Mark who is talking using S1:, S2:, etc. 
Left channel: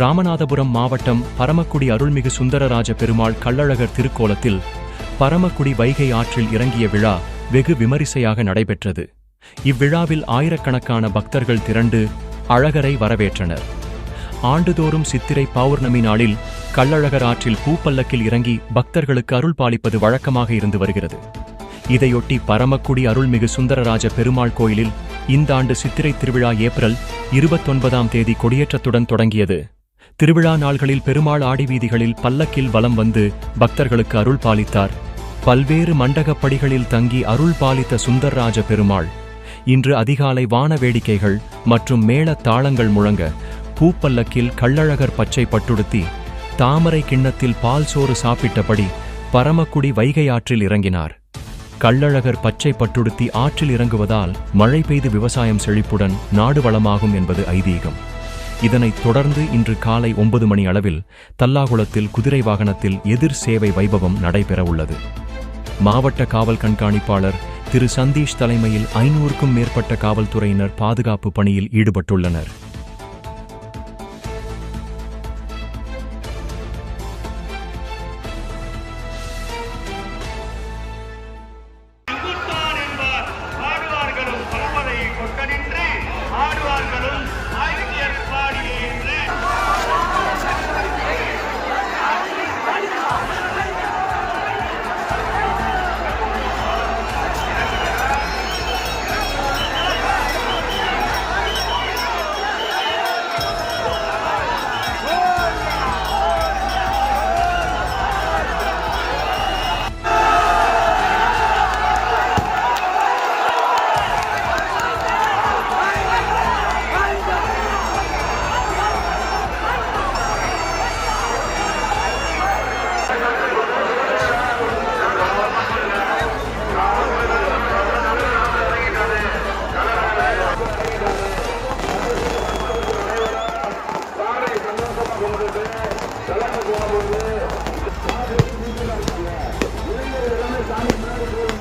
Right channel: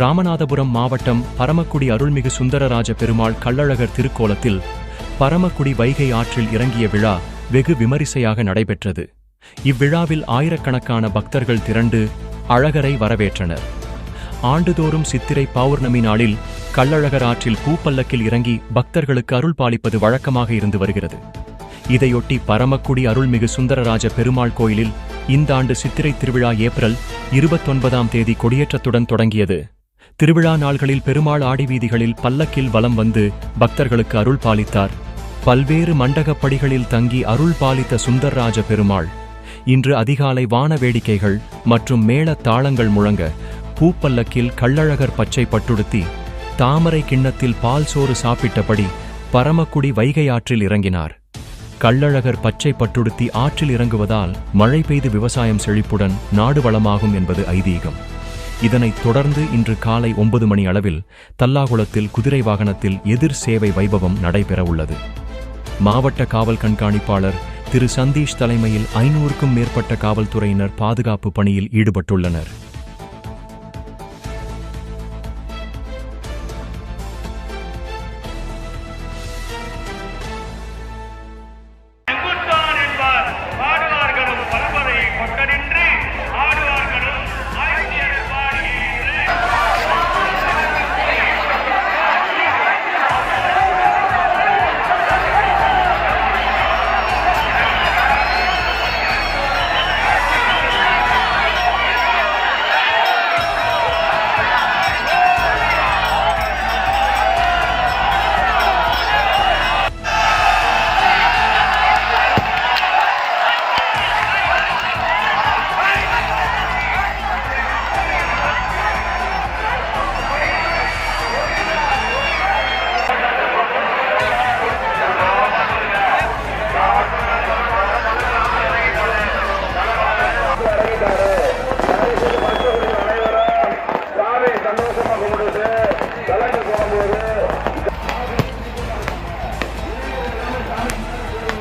S1: ராமநாதபுரம் மாவட்டம் பரமக்குடி அருள்மிகு சுந்தரராஜ பெருமாள் கள்ளழகர் திருக்கோலத்தில் பரமக்குடி வைகை ஆற்றில் இறங்கிய விழா வெகு விமரிசையாக நடைபெற்றது. இவ்விழாவில் ஆயிரக்கணக்கான பக்தர்கள் திரண்டு அழகரை வரவேற்றனர். ஆண்டுதோறும் சித்திரை பௌர்ணமி நாளில் கள்ளழகர் ஆற்றில் பூப்பல்லக்கில் இறங்கி பக்தர்களுக்கு அருள் பாலிப்பது வழக்கமாக இருந்து வருகிறது. இதையொட்டி பரமக்குடி அருள்மிகு சுந்தரராஜ பெருமாள் கோயிலில் இந்த ஆண்டு சித்திரை திருவிழா ஏப்ரல் இருபத்தொன்பதாம் தேதி கொடியேற்றத்துடன் தொடங்கியது. திருவிழா நாள்களில் பெருமாள் ஆடி வீதிகளில் பல்லக்கில் வலம் வந்து பக்தர்களுக்கு அருள் பாலித்தார். பல்வேறு மண்டகப் படிகளில் தங்கி அருள் பாலித்த சுந்தர்ராஜ பெருமாள். இன்று அதிகாலை வான வேடிக்கைகள் மற்றும் மேள தாளங்கள் முழங்க பூப்பல்லக்கில் கள்ளழகர் பச்சை பட்டுடுத்தி தாமரை கிண்ணத்தில் பால் சோறு சாப்பிட்டபடி பரமக்குடி வைகை ஆற்றில் இறங்கினார். கள்ளழகர் பச்சை பட்டுடுத்தி ஆற்றில் இறங்குவதால் மழை பெய்து விவசாயம் செழிப்புடன் நாடு வளமாகும் என்பது ஐதீகம். இதனைத் தொடர்ந்து இன்று காலை ஒன்பது மணி அளவில் தல்லாகுளத்தில் குதிரை வாகனத்தில் எதிர் சேவை வைபவம் நடைபெறவுள்ளது. மாவட்ட காவல் கண்காணிப்பாளர் திரு சந்தீஷ் தலைமையில் ஐநூறுக்கும் மேற்பட்ட காவல்துறையினர் பாதுகாப்பு பணியில் ஈடுபட்டுள்ளனர்.